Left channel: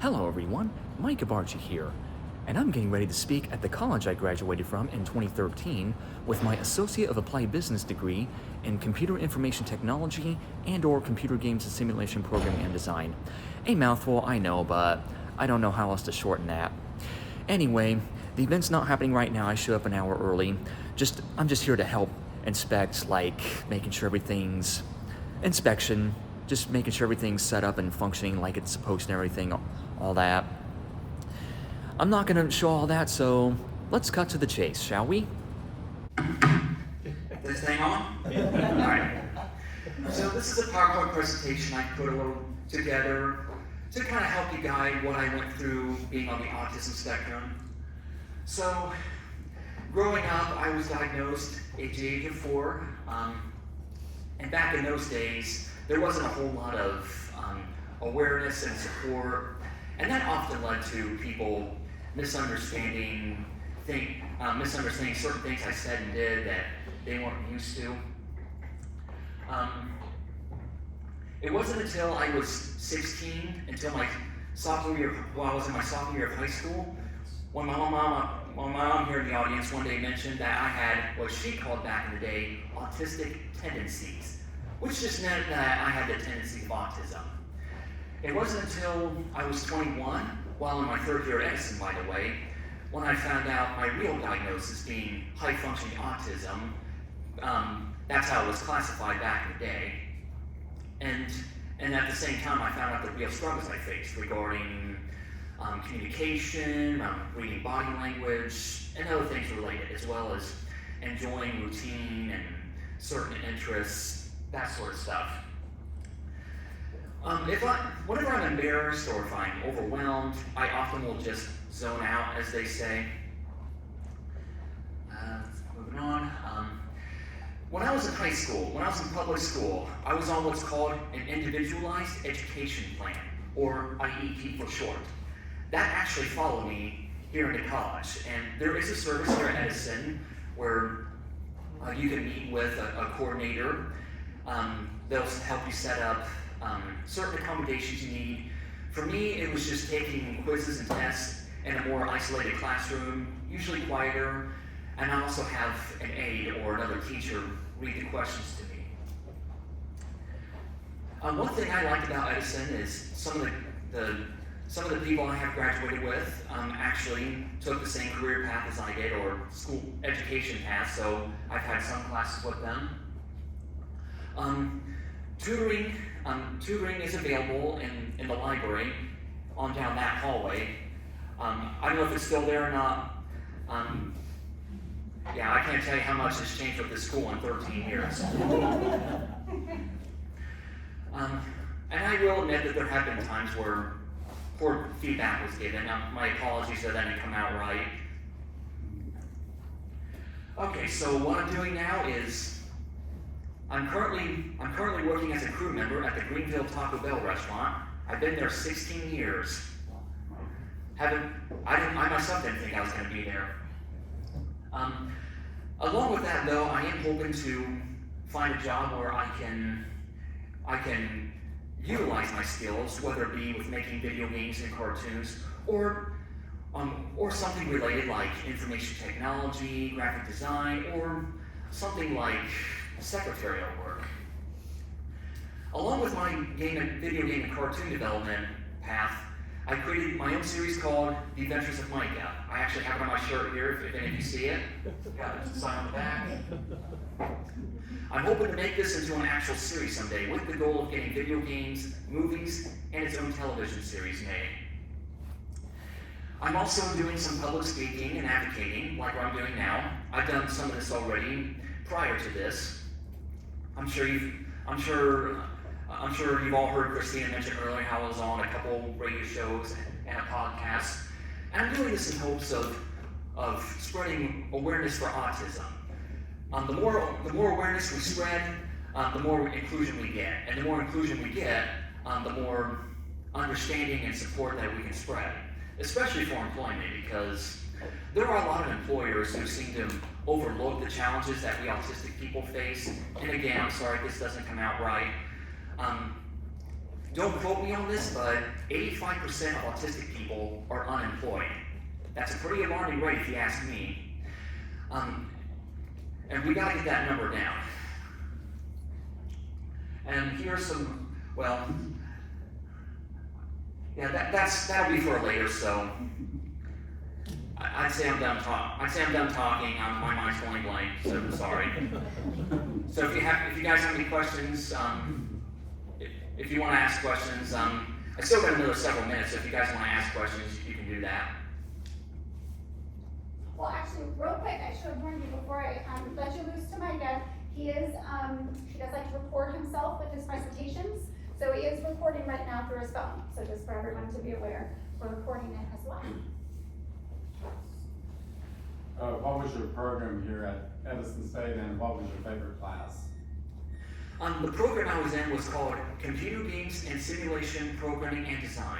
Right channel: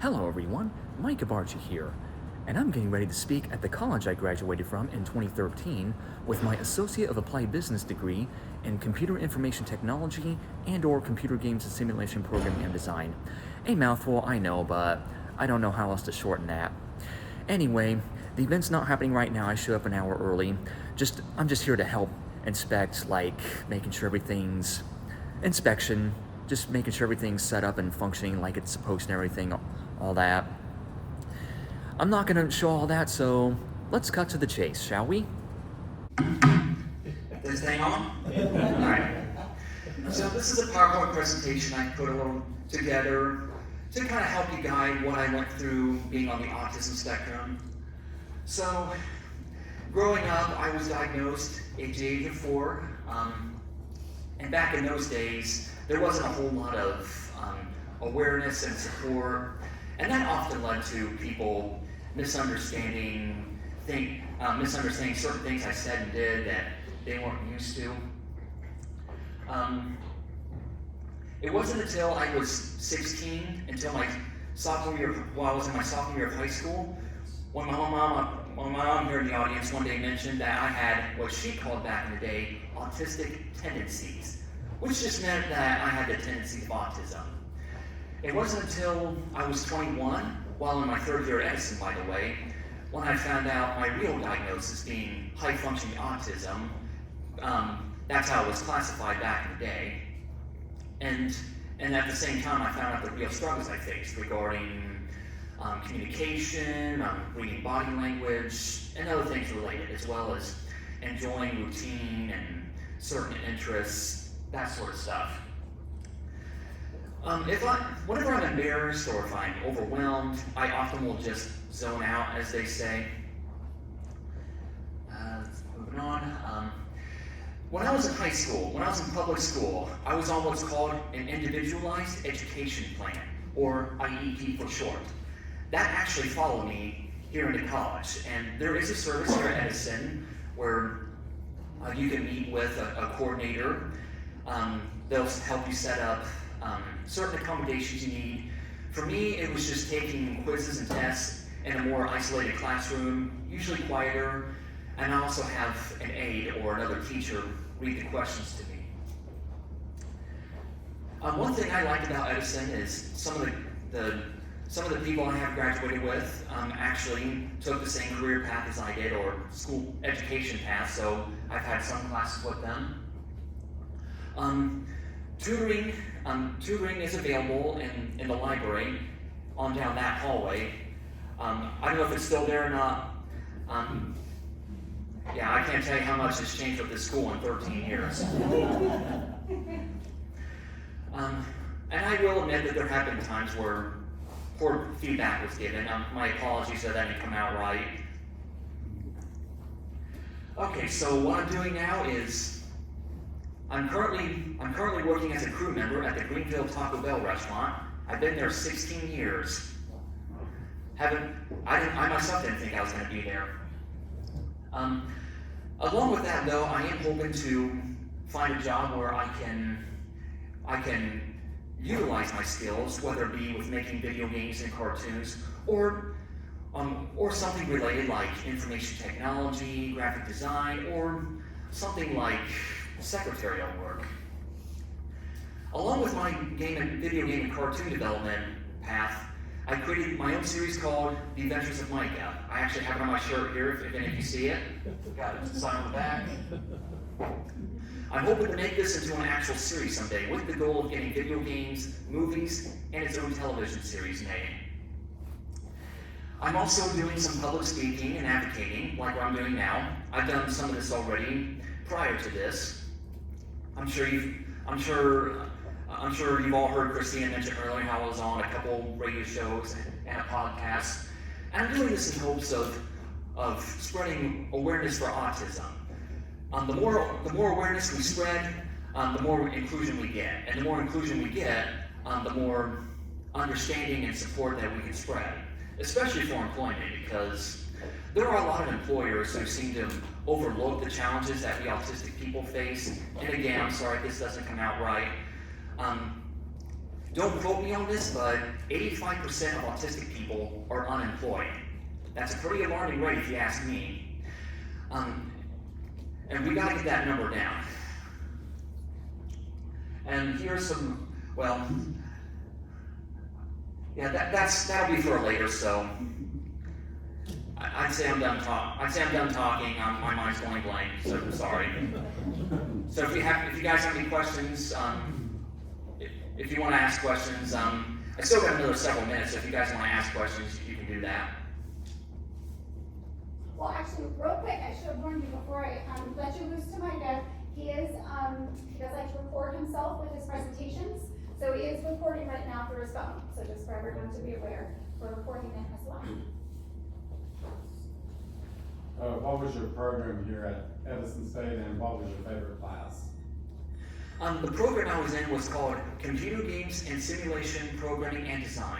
Hello everyone, Micah Barga here, and I'm getting ready to speak at the college I graduated from in 2013 with my Associate of Applied Business degree in Computer Information Technology and/or Computer Games and Simulation Programming and Design. A mouthful, I know, but I don't know how else to shorten that. Anyway, the event's not happening right now. I showed up an hour early. I'm just here to help inspect, like making sure everything's inspection, just making sure everything's set up and functioning like it's supposed to and everything, all that. I'm not gonna show all that, so let's cut to the chase, shall we? This thing on? Alright. So this is a PowerPoint presentation I put a little together to kind of help you guide what I went through being on the autism spectrum. So, growing up, I was diagnosed at the age of 4, and back in those days, there wasn't a whole lot of awareness and support, and that often led to people misunderstanding certain things I said and did that they weren't used to. It wasn't until I was 16, until my sophomore year, while I was in my sophomore year of high school, when my mom here in the audience one day mentioned that I had what she called back in the day autistic tendencies, which just meant that I had the tendency of autism. It wasn't until I was 21, while in my third year at Edison, by the way, when I found out my real diagnosis being high-functioning autism. That's how it was classified back in the day. And at the same time, I found out the real struggles I faced regarding communication, reading body language, and other things related, as well as enjoying routine and certain interests, that sort of stuff. Whenever I'm embarrassed or if I'm overwhelmed, I often will just zone out, as they say. Moving on. When I was in high school, when I was in public school, I was on what's called an Individualized Education Plan, or IEP for short. That actually followed me here into college, and there is a service here at Edison where you can meet with a coordinator. They'll help you set up certain accommodations you need. For me, it was just taking quizzes and tests in a more isolated classroom, usually quieter, and I also have an aide or another teacher read the questions to me. One thing I liked about Edison is some of the people I have graduated with actually took the same career path as I did, or school education path, so I've had some classes with them. Tutoring is available in the library on down that hallway. I don't know if it's still there or not. Yeah, I can't tell you how much has changed with this school in 13 years. And I will admit that there have been times where poor feedback was given. My apologies if that didn't come out right. Okay, so what I'm doing now is I'm currently working as a crew member at the Greenville Taco Bell restaurant. I've been there 16 years. I myself didn't think I was going to be there. Along with that, though, I am hoping to find a job where I can utilize my skills, whether it be with making video games and cartoons, or something related like information technology, graphic design, or something like secretarial work. Along with my video game and cartoon development path, I created my own series called The Adventures of Micah. I actually have it on my shirt here, if any of you see it. Got it sign on the back. I'm hoping to make this into an actual series someday, with the goal of getting video games, movies, and its own television series made. I'm also doing some public speaking and advocating, like what I'm doing now. I've done some of this already prior to this. I'm sure you've all heard Christina mention earlier how I was on a couple radio shows and a podcast. And I'm doing this in hopes of spreading awareness for autism. The more awareness we spread, the more inclusion we get. And the more inclusion we get, the more understanding and support that we can spread, especially for employment, because there are a lot of employers who seem to overlook the challenges that we autistic people face. And again, I'm sorry if this doesn't come out right. don't quote me on this, but 85% of autistic people are unemployed. That's a pretty alarming rate if you ask me. And we gotta get that number down. And here's some, well, yeah, that'll be for later, so I'd say I'm done talking. My mind's going blank, so I'm sorry. So if you guys have any questions, if you want to ask questions, I still got another several minutes, so if you guys want to ask questions, you can do that. Well, actually, real quick, I should have warned you before I let you loose to Micah. He does like to record himself with his presentations, so he is recording right now through his phone. So just for everyone to be aware, we're recording it as well. What was your program here at Edison State, and what was your favorite class? The program I was in was called Computer Games and Simulation Programming and Design.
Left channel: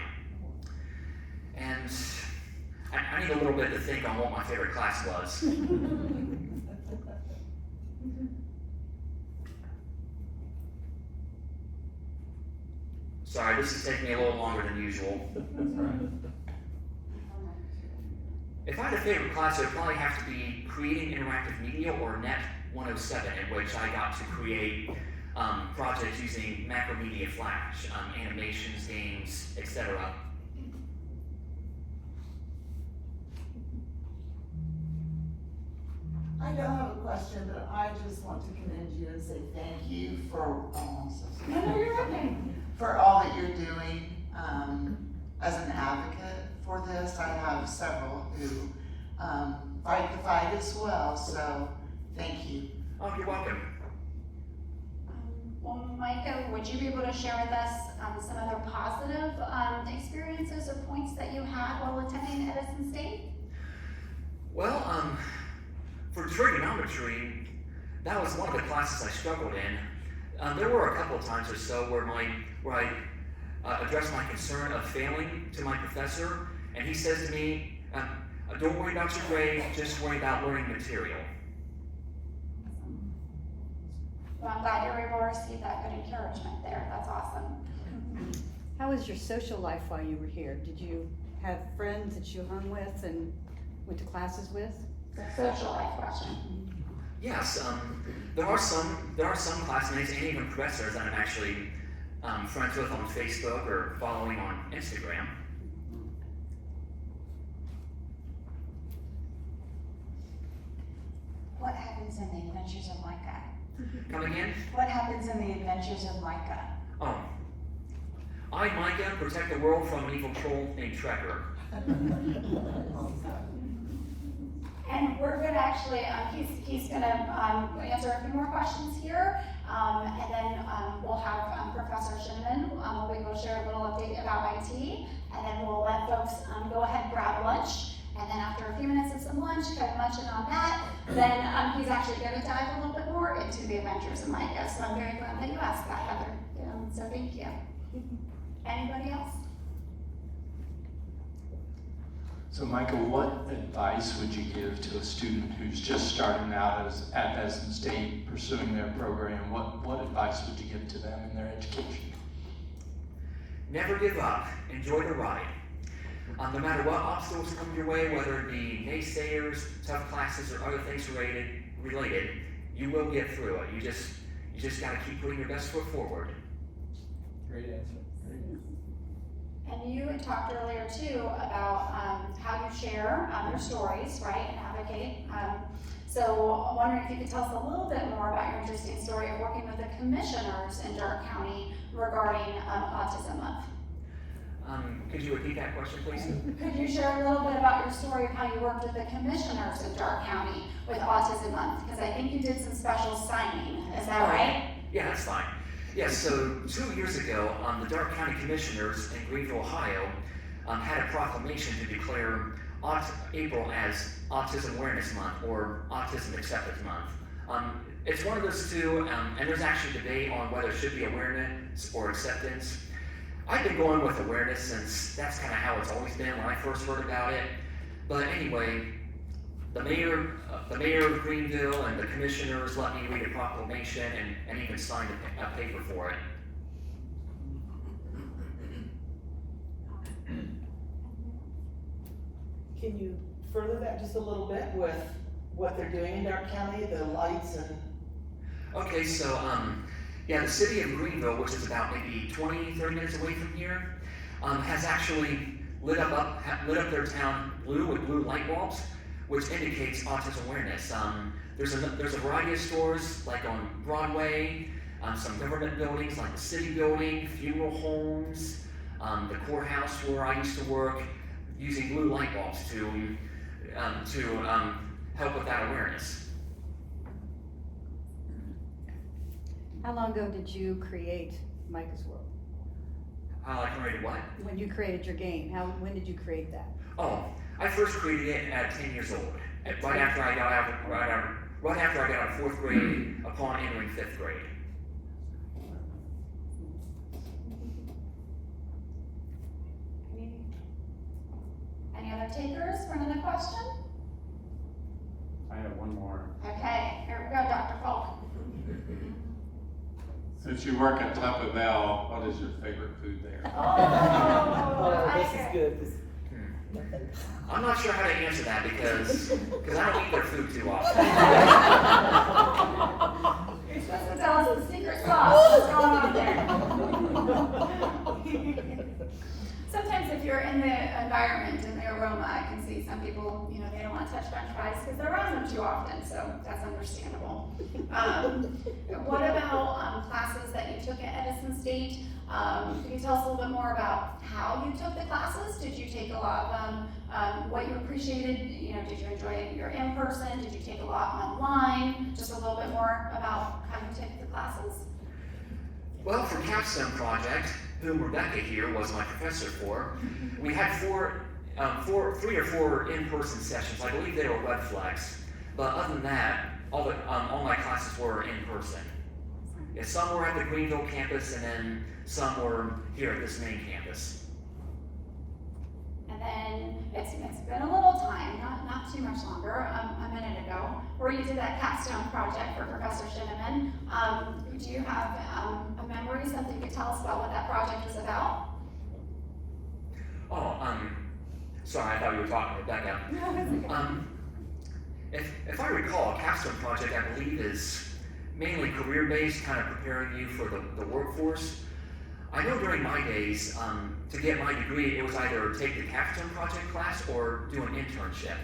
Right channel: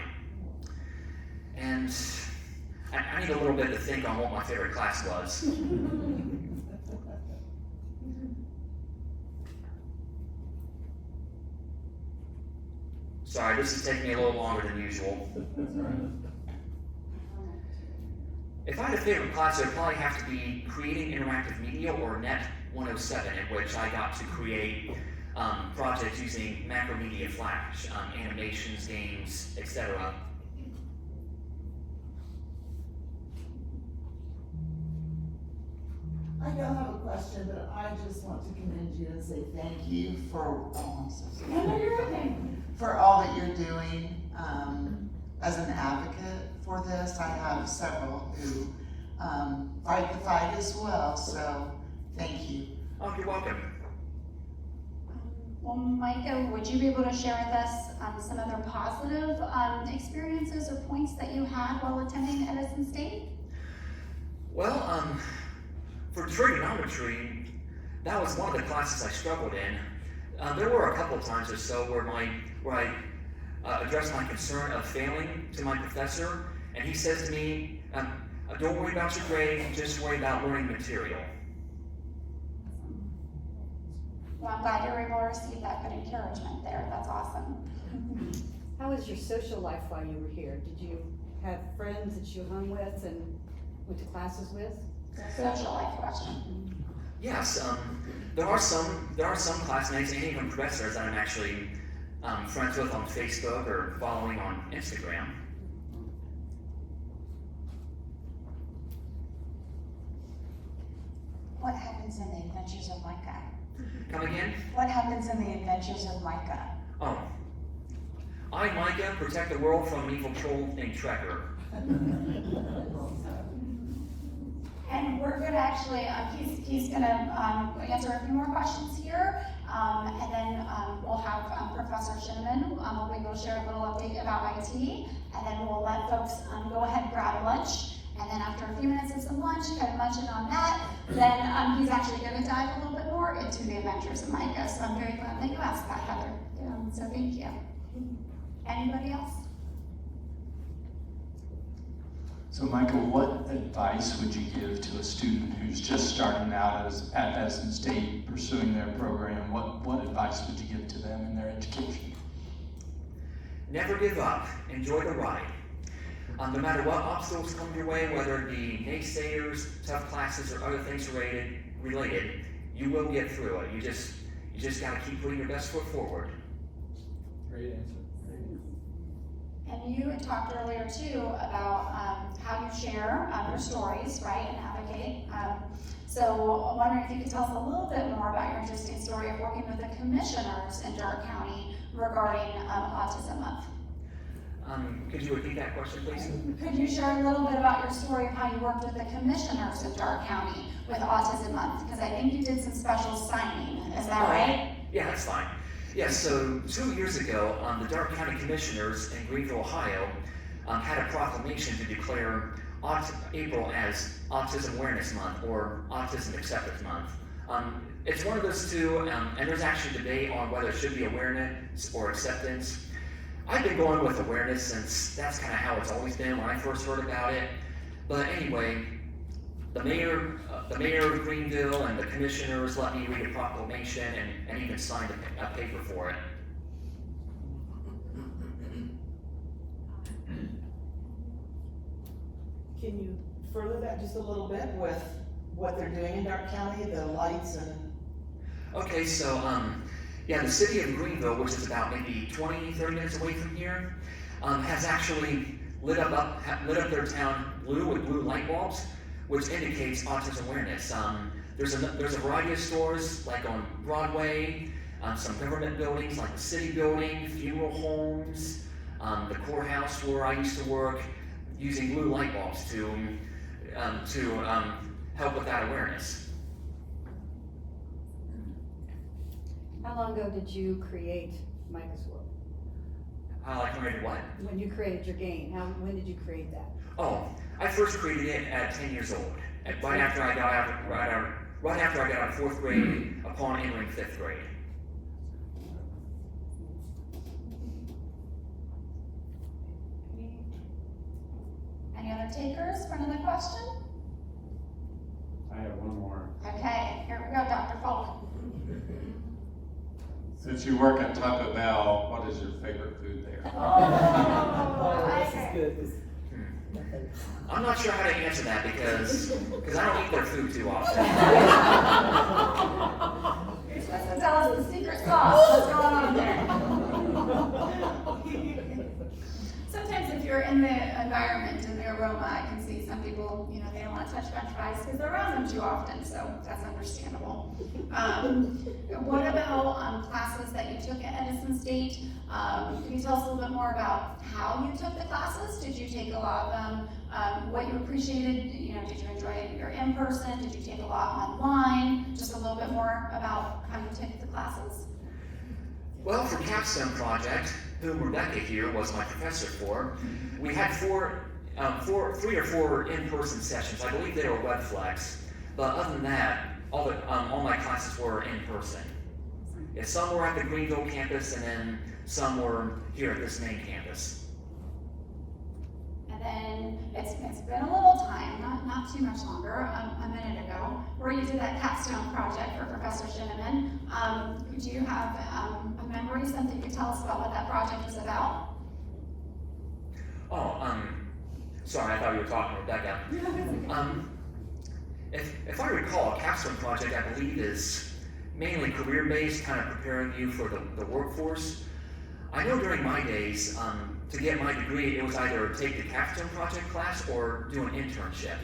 And I need a little bit to think on what my favorite class was. Sorry, this is taking me a little longer than usual. If I had a favorite class, it would probably have to be Creating Interactive Media, or Net 107, in which I got to create projects using Macromedia Flash, animations, games, etc. I don't have a question, but I just want to commend you and say thank you for, for all that you're doing as an advocate for this. I have several who fight the fight as well, so thank you. Oh, you're welcome. Well, Micah, would you be able to share with us some other positive experiences or points that you had while attending Edison State? Well, for trigonometry, that was one of the classes I struggled in. There were a couple of times or so where I addressed my concern of failing to my professor, and he says to me, don't worry about your grade, just worry about learning material. Well, I'm glad you were able to receive that good encouragement there. That's awesome. How was your social life while you were here? Did you have friends that you hung with and went to classes with? Social life question. Yes, there are some classmates and even professors that I'm actually friends with on Facebook or following on Instagram. What happens in the adventures of Micah? Come again? What happens in the adventures of Micah? Oh. I, Micah, protect the world from an evil troll named Trekker. And we're going to actually, he's going to answer a few more questions here, and then we'll have Professor Shinneman will be able to share a little update about IT, and then we'll let folks go ahead and grab lunch, and then after a few minutes of some lunch, kind of munching on that, then he's actually going to dive a little bit more into the adventures of Micah. So I'm very glad that you asked that, Heather. So thank you. Anybody else? So Michael, what advice would you give to a student who's just starting out at Edison State pursuing their program? What advice would you give to them in their education? Never give up. Enjoy the ride. No matter what obstacles come your way, whether it be naysayers, tough classes, or other things related, you will get through it. You just got to keep putting your best foot forward. Great answer. And you had talked earlier too about how you share your stories, right, and advocate. So I'm wondering if you could tell us a little bit more about your interesting story of working with the commissioners in Darke County regarding Autism Month. Could you repeat that question, please? Could you share a little bit about your story of how you worked with the commissioners in Darke County with Autism Month? Because I think you did some special signing. Is that right? Yeah, that's fine. Yes, so 2 years ago, the Darke County Commissioners in Greenville, Ohio, had a proclamation to declare April as Autism Awareness Month or Autism Acceptance Month. It's one of those two, and there's actually debate on whether it should be awareness or acceptance. I've been going with awareness since that's kind of how it's always been when I first heard about it. But anyway, the mayor of Greenville and the commissioners let me read a proclamation and even signed a paper for it. Can you further that just a little bit with what they're doing in Dark County, the lights and? Okay, so, yeah, the city of Greenville, which is about maybe 20, 30 minutes away from here, has actually lit up their town blue with blue light bulbs, which indicates autism awareness. There's a variety of stores, like on Broadway, some government buildings like the city building, funeral homes, the courthouse where I used to work, using blue light bulbs to help with that awareness. How long ago did you create Micah's World? I created what? When you created your game, when did you create that? Oh, I first created it at 10 years old, right after I got out of 4th grade, upon entering 5th grade. Any other takers for another question? I have one more. Okay, here we go, Dr. Falk. Since you work at Taco Bell, what is your favorite food there? Oh, this is good. I'm not sure how to answer that because I don't eat their food too often. You're supposed to tell us the secret sauce. What's going on there? Sometimes if you're in the environment and the aroma, I can see some people, they don't want to touch French fries because they're around them too often, so that's understandable. What about classes that you took at Edison State? Can you tell us a little bit more about how you took the classes? Did you take a lot of them? What you appreciated? Did you enjoy your in-person? Did you take a lot online? Just a little bit more about how you took the classes. Well, for Capstone Project, whom Rebecca here was my professor for, we had 3 or 4 in-person sessions. I believe they were WebFlex, but other than that, all my classes were in person. Yeah, some were at the Greenville campus, and then some were here at this main campus. And then it's been a little time, not too much longer, a minute ago, where you did that capstone project for Professor Shinneman. Do you have a memory, something you could tell us about what that project is about? Oh, sorry, I thought you were talking to Rebecca. If I recall, a capstone project, I believe, is mainly career-based, kind of preparing you for the workforce. I know during my days, to get my degree, it was either take the capstone project class or do an internship.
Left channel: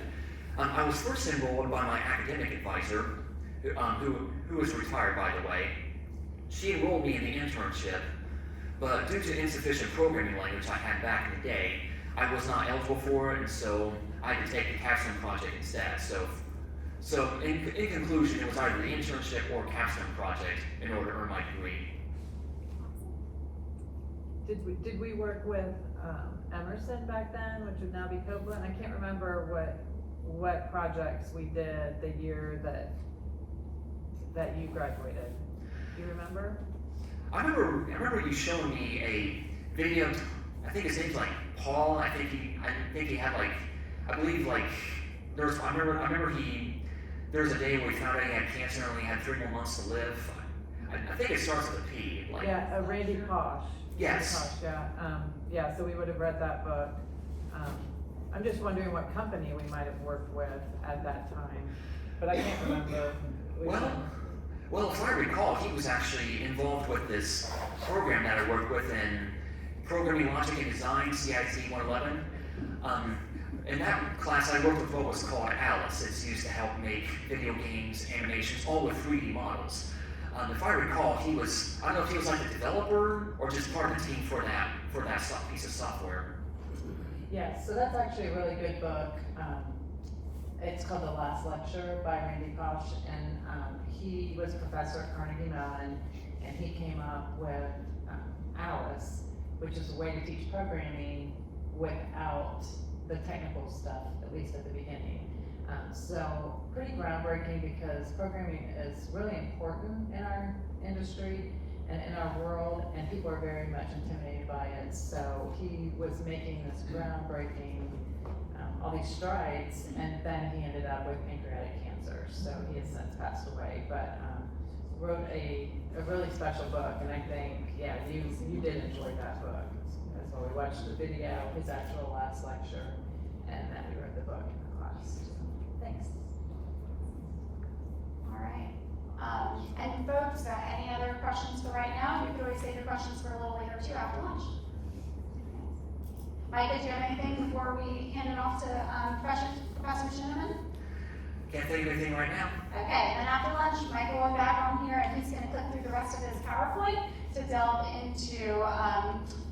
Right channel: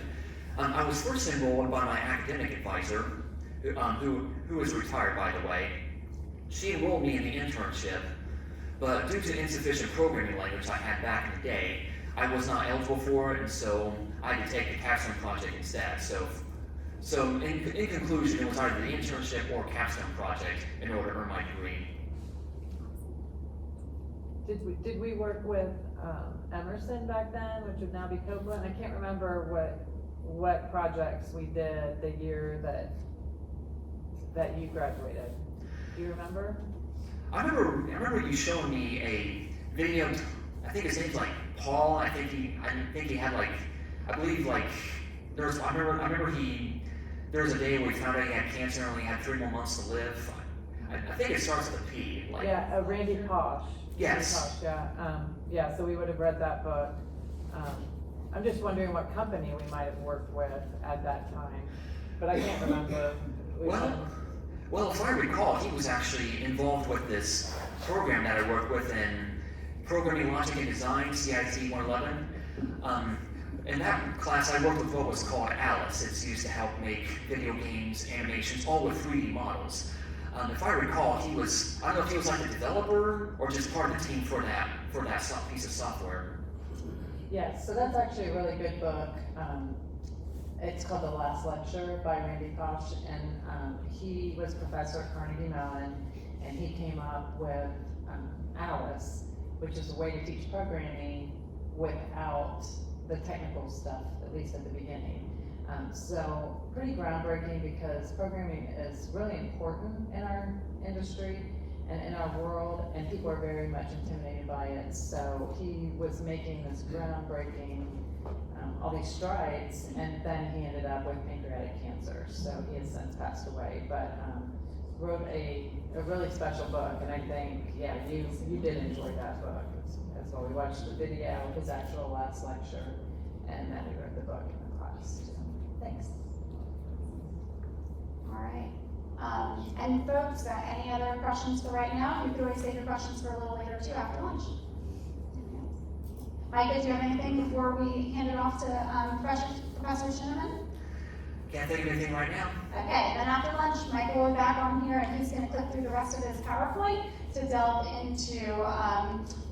I was first enrolled by my academic advisor, who is retired, by the way. She enrolled me in the internship, but due to insufficient programming language I had back in the day, I was not eligible for it, and so I had to take the capstone project instead. So in conclusion, it was either the internship or capstone project in order to earn my degree. Did we work with Emerson back then, which would now be Copeland? I can't remember what projects we did the year that you graduated. Do you remember? I remember you showing me a video. I think his name's like Paul. I think he had I remember there was a day where he found out he had cancer and only had 3 more months to live. I think it starts with a P. Randy Posh. Yes. Randy Posh, so we would have read that book. I'm just wondering what company we might have worked with at that time, but I can't remember. Well, if I recall, he was actually involved with this program that I worked with in Programming Logic and Design, CIT 111. In that class, I worked with what was called Alice. It's used to help make video games, animations, all with 3D models. If I recall, I don't know if he was like the developer or just part of the team for that piece of software. Yeah, so that's actually a really good book. It's called The Last Lecture by Randy Posh, and he was a professor at Carnegie Mellon, and he came up with Alice, which is a way to teach programming without the technical stuff, at least at the beginning. So pretty groundbreaking because programming is really important in our industry and in our world, and people are very much intimidated by it. So he was making this groundbreaking, all these strides, and then he ended up with pancreatic cancer. So he has since passed away, but wrote a really special book, and I think, you did enjoy that book. That's why we watched the video, his actual last lecture, and then we read the book. post. Thanks. All right. And folks, any other questions for right now? You could always save your questions for a little later too after lunch. Micah, do you have anything before we hand it off to Professor Shinneman? Can't think of anything right now. Okay, then after lunch, Micah will be back on here and he's going to click through the rest of his PowerPoint to delve into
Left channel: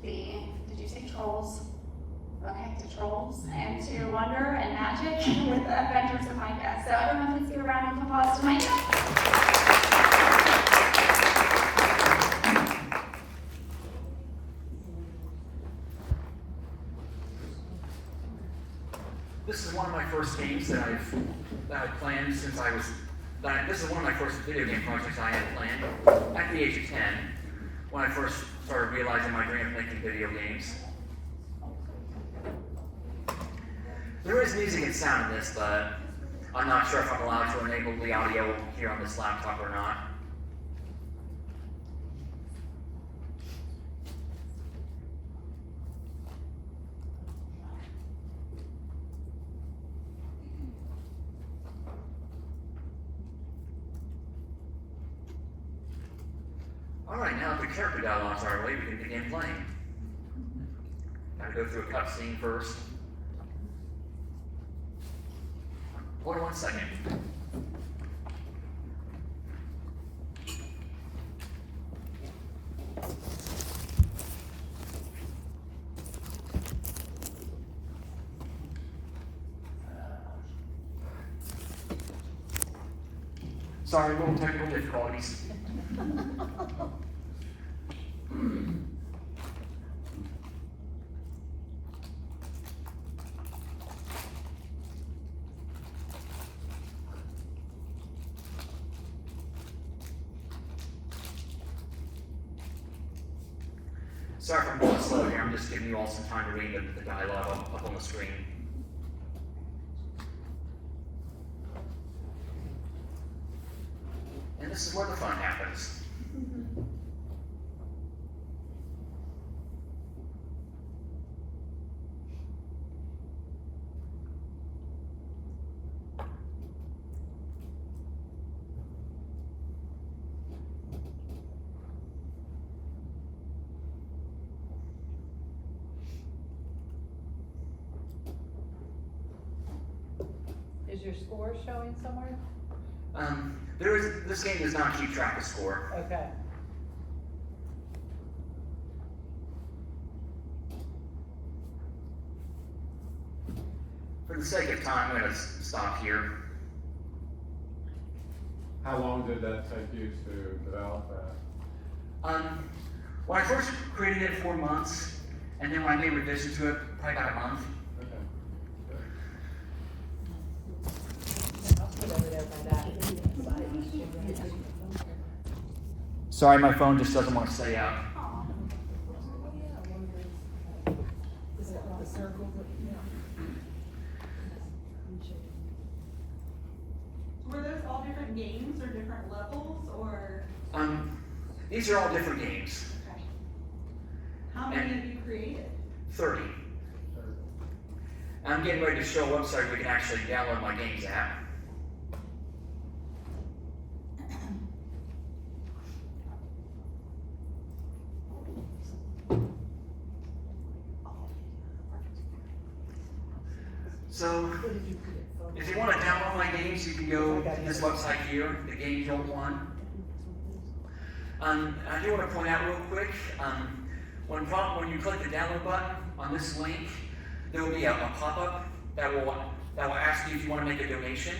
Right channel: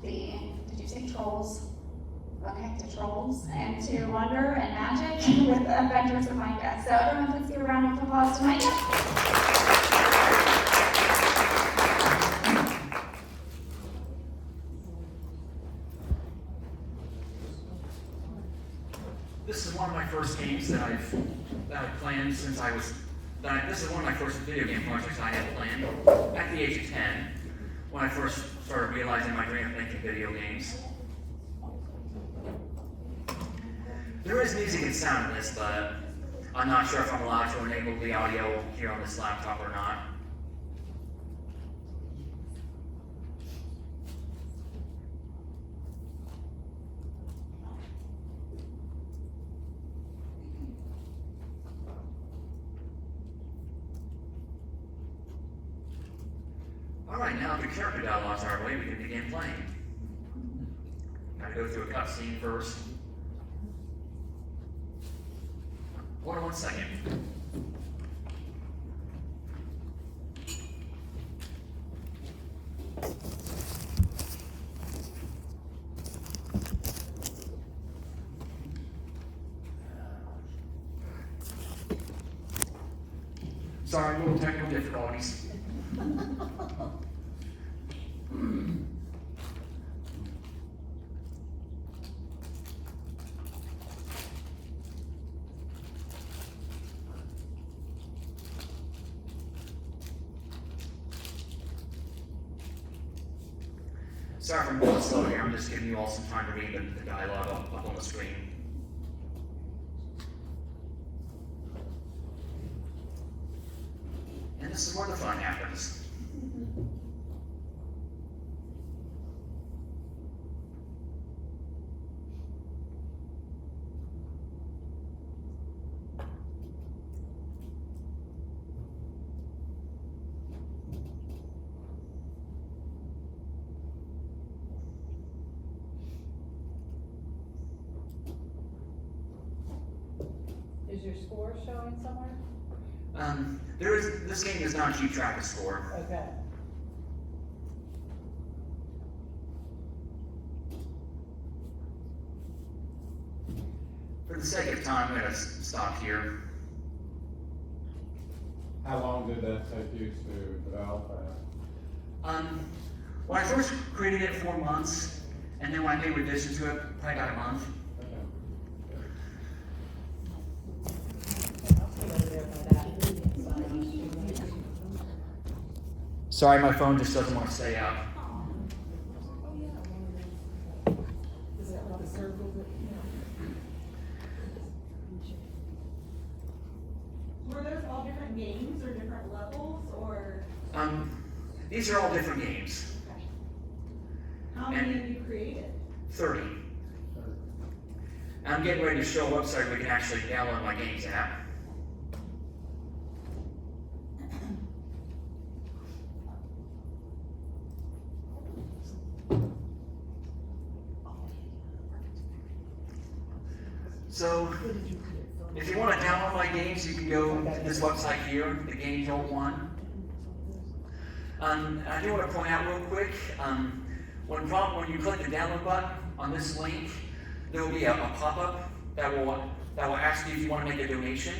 did you say trolls? Okay, to trolls and to wonder and magic with the adventures of Micah. So everyone, please give a round of applause to Micah. This is one of my first games that I've planned since I was. This is one of my first video game projects I had planned at the age of 10, when I first started realizing my dream of making video games. There is music and sound in this, but I'm not sure if I'm allowed to enable the audio here on this laptop or not. Alright, now that the character dialogues are ready, we can begin playing. Gotta go through a cutscene first. Hold on 1 second. Sorry, little technical difficulties. Sorry if I'm going slow here, I'm just giving you all some time to read the dialogue up on the screen. And this is where the fun happens. Is your score showing somewhere? This game does not keep track of score. Okay. For the sake of time, I'm going to stop here. How long did that take you to develop that? When I first created it, 4 months, and then when I made revisions to it, probably about a month. Sorry, my phone just doesn't want to stay up. Were those all different games or different levels, or? These are all different games. Okay. How many have you created? 30. I'm getting ready to show a website where you can actually download my games app. So, if you want to download my games, you can go to this website here, the Game Jolt one. I do want to point out real quick, when you click the download button on this link, there will be a pop-up that will ask you if you want to make a donation.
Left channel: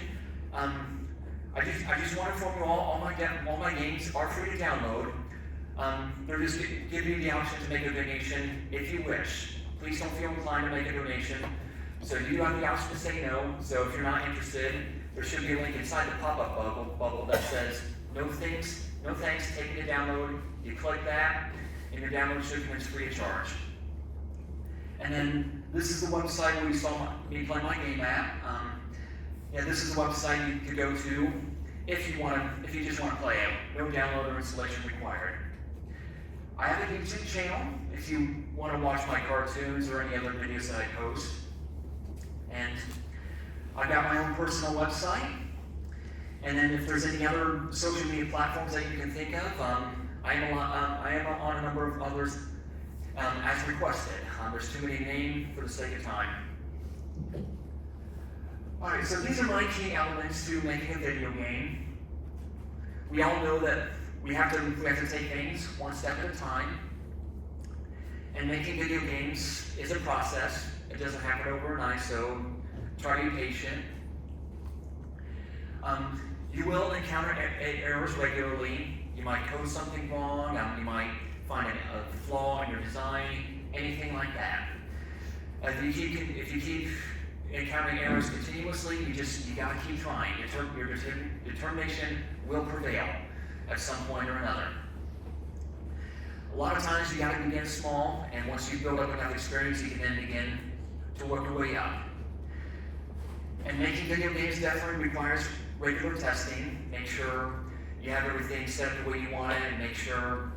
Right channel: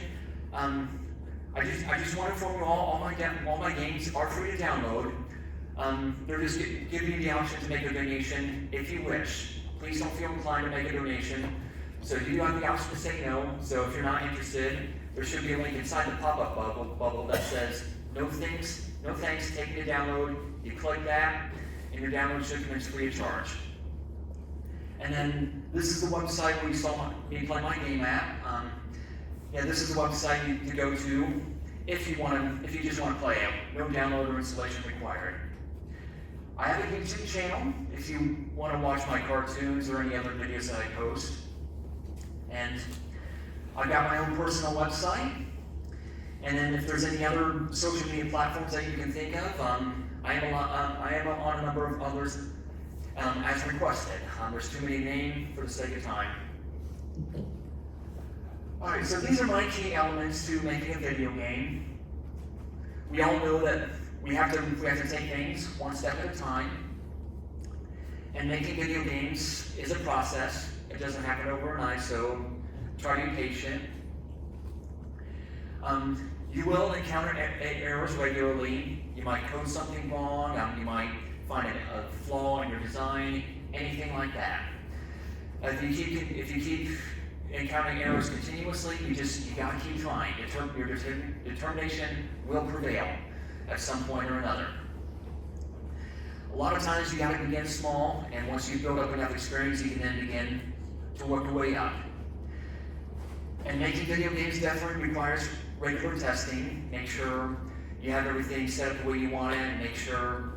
I just want to inform you all my games are free to download. They're just giving you the option to make a donation if you wish. Please don't feel inclined to make a donation. So you do have the option to say no. So if you're not interested, there should be a link inside the pop-up bubble that says no thanks, taking to download. You click that, and your download should commence free of charge. And then this is the website where you saw me play my game at. This is the website to go to if you just want to play it. No download or installation required. I have a YouTube channel if you want to watch my cartoons or any other videos that I post. And I've got my own personal website. And then if there's any other social media platforms that you can think of, I am on a number of others as requested. There's too many to name for the sake of time. Alright, so these are my key elements to making a video game. We all know that we have to take things one step at a time. And making video games is a process. It doesn't happen overnight, so try to be patient. You will encounter errors regularly. You might code something wrong. You might find a flaw in your design, anything like that. If you keep encountering errors continuously, you gotta keep trying. Your determination will prevail at some point or another. A lot of times you gotta begin small, and once you build up enough experience, you can then begin to work your way up. And making video games definitely requires regular testing. Make sure you have everything set up the way you want it, and make sure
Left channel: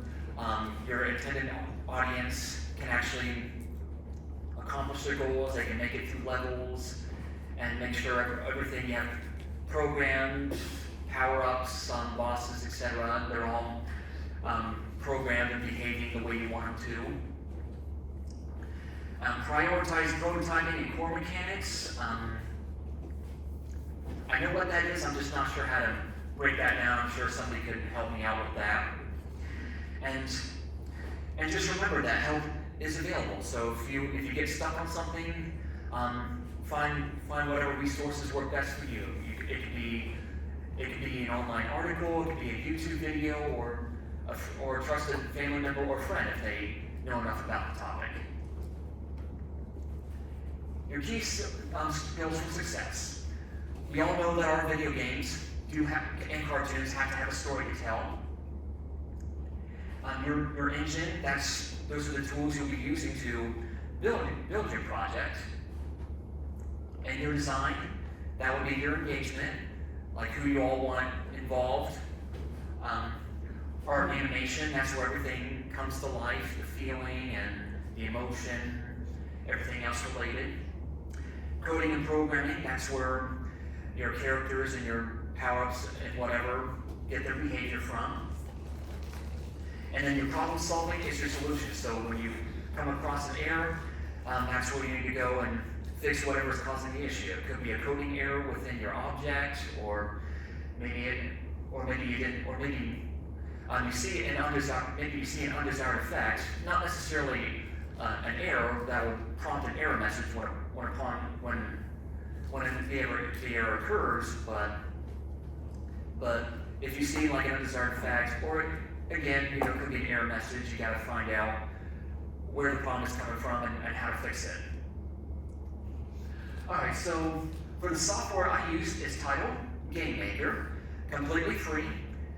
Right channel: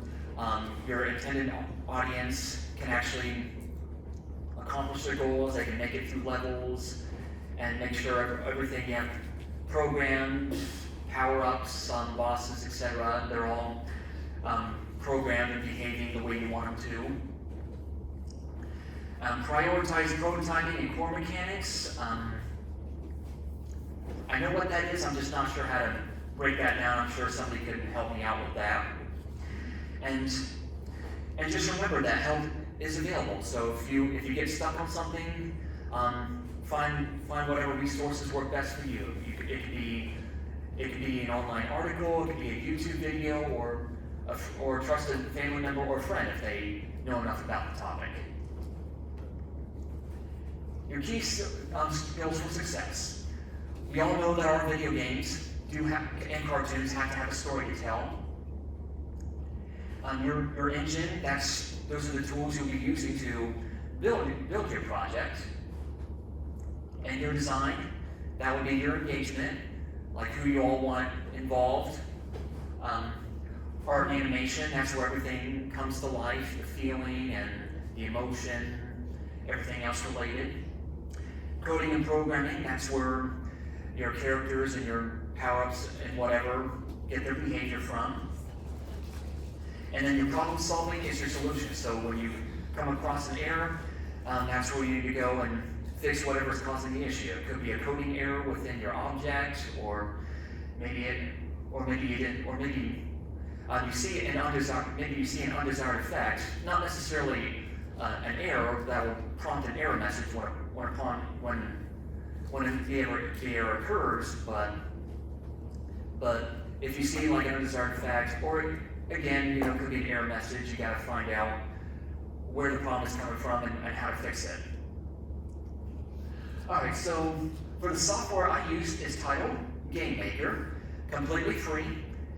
your intended audience can actually accomplish their goals, they can make it through levels, and make sure everything you have programmed, power-ups, bosses, etc., they're all programmed and behaving the way you want them to. Prioritize prototyping and core mechanics. I know what that is, I'm just not sure how to break that down. I'm sure somebody could help me out with that. And just remember that help is available. So if you get stuck on something, find whatever resources work best for you. It could be an online article, it could be a YouTube video, or a trusted family member or friend if they know enough about the topic. Your key skills for success. We all know that our video games and cartoons have to have a story to tell. Your engine, those are the tools you'll be using to build your project. And your design, that would be your engagement, like who you all want involved. Art and animation, that's where everything comes to life, the feeling and the emotion, everything else related. Coding and programming, that's where your characters and your power-ups and whatever get their behavior from. And then your problem solving is your solution. So when you come across an error, that's where you need to go and fix whatever is causing the issue. It could be a coding error within your object, or maybe you see an undesired effect, not necessarily an error that will prompt an error message when the error occurs, but if you see like an undesired effect, or again, it could be an error message, you got to find out where the problem is coming from and how to fix it. Alright, so for the software I use is titled Game Maker, completely free,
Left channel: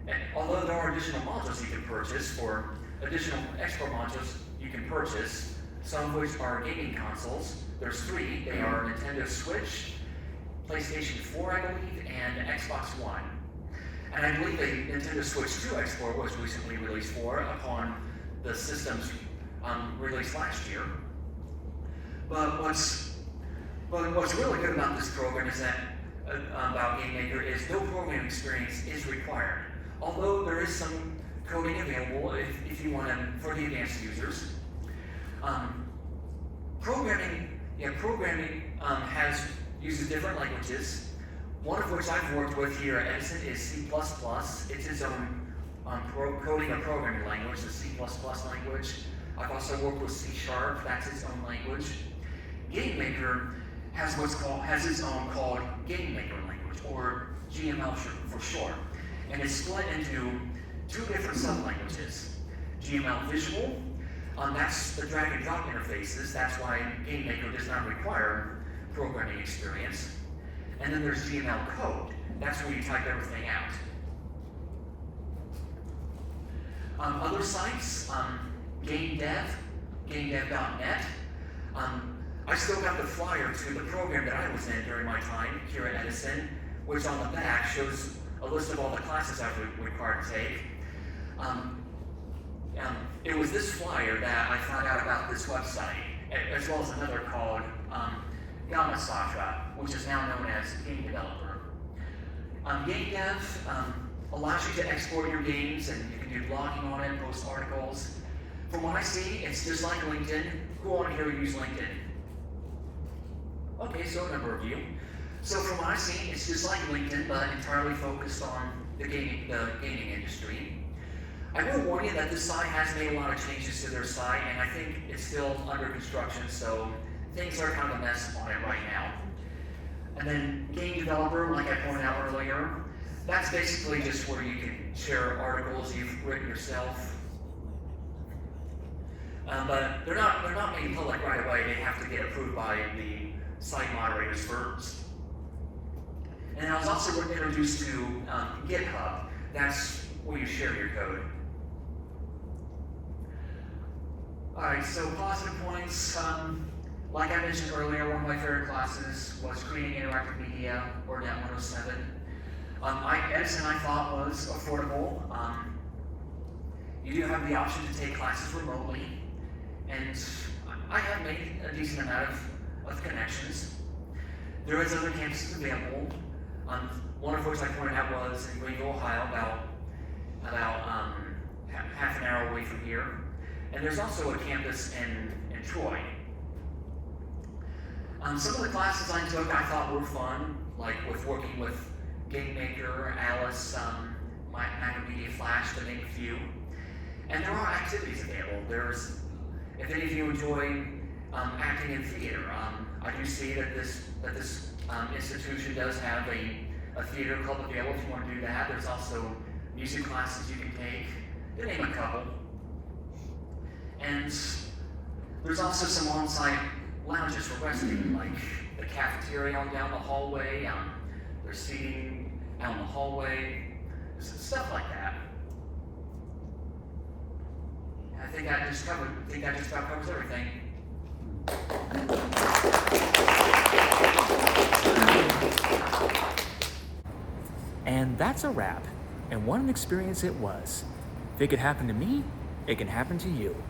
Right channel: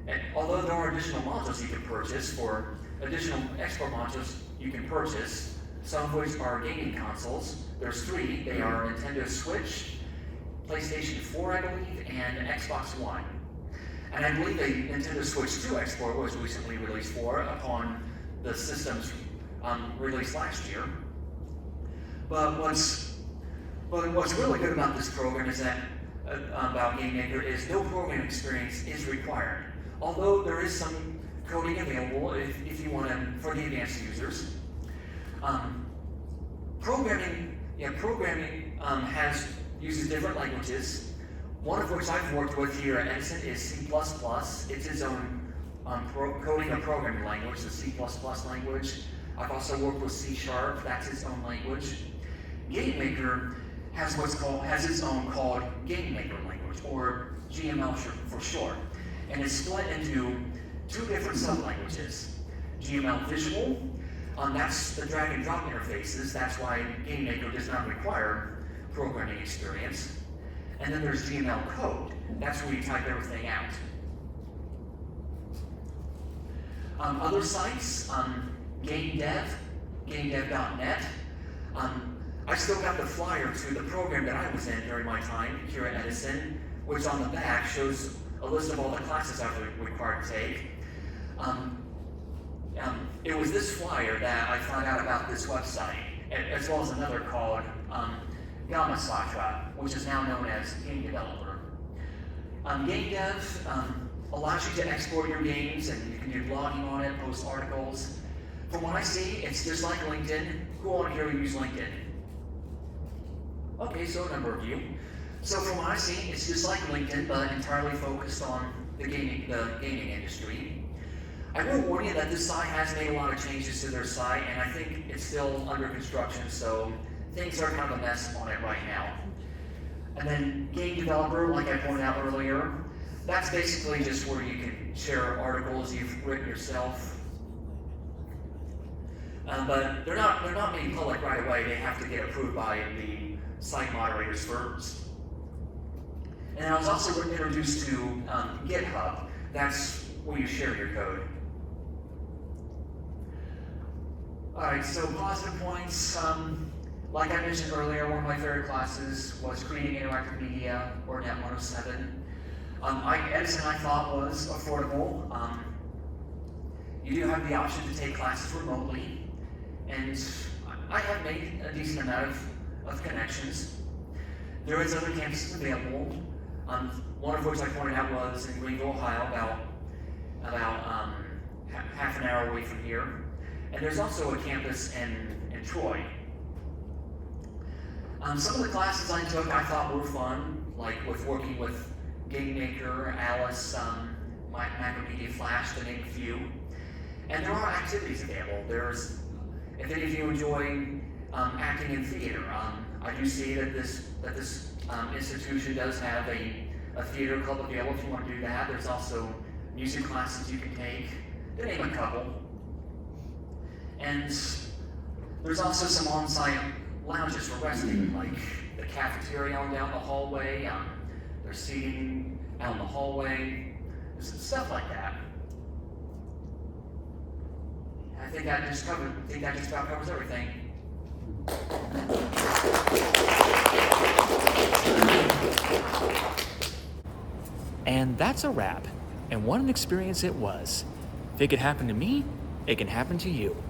and although there are additional modules you can purchase, for additional export modules you can purchase, some of which are gaming consoles. There's 3. They are Nintendo Switch, PlayStation 4, I believe, and Xbox One. And I believe a Nintendo Switch 2 export was recently released upon the system's release last year. But what's really good about this program is that about Game Maker is no programming experience is required. Although there is some coding available if you want to for the advanced users. Programming uses different languages. One of which I've worked with here at Edison is C++. It's its own coding or programming language, the C++ language. I've also worked with C#, that's its own language. Game Maker has its own called Game Maker language, or GML for short. And it's split into 2 different sub-languages. GML Visual, that's the drag and drop interfaces, that's why Game Maker does not require programming experience. And then there's GML Code, that's where you type everything out. Other sites, GameDev.net. I still got the flyer to the program that I was in during my time here at Edison, which on the back shows a list of all the classes I was required to take. It was this flyer that I found out about this website, as well as another called got my software, which is now known as game developer. Game dev allows you to export your games, and you can do blogging on it, post articles. From what I see, it's just like LinkedIn. Who on here use LinkedIn? Okay, so a number of you. So from what I see, it's just like LinkedIn, but entirely focused on the gaming industry. I will warn you that this site has made a lot of changes to their site, and I think it's still under construction, so things are kind of a mess on it right now. And then game developer, like I pointed out earlier, that's basically just where you can share articles you've written yourself. But they're not made public right away. They have to get approved by the site moderators first. And I was also introduced to GitHub. That's where you share your code. Alright, so positive points. Like I mentioned earlier, one of my favorite classes was Creating Interactive Media, or Net 107. Edison, I thought, was affordable. You do have the option to take classes remotely, and I have made a decent amount of connections. There is other campuses available, one of which I pointed out was in Greenville, Ohio, about half an hour away from here. And there's also a campus in Troy. Some of the classes I took I thought were fun, like working with Game Maker, Alice, Micah Barga, Flash, to name a few. And there are activities available. If any of you enjoy acting in theater, I do see that this institution does have a theater club available if you want to do that. There's also music classes you can take, to name a couple. And there's also some on-site lounges for resting, like the cafeteria on down the hallway. There's seating out in the hallway, stuff like that. I think that just about covers everything. And that's a wrap. And what an experience it was. If it could happen to me, it can happen to you.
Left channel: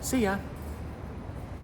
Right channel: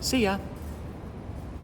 See ya.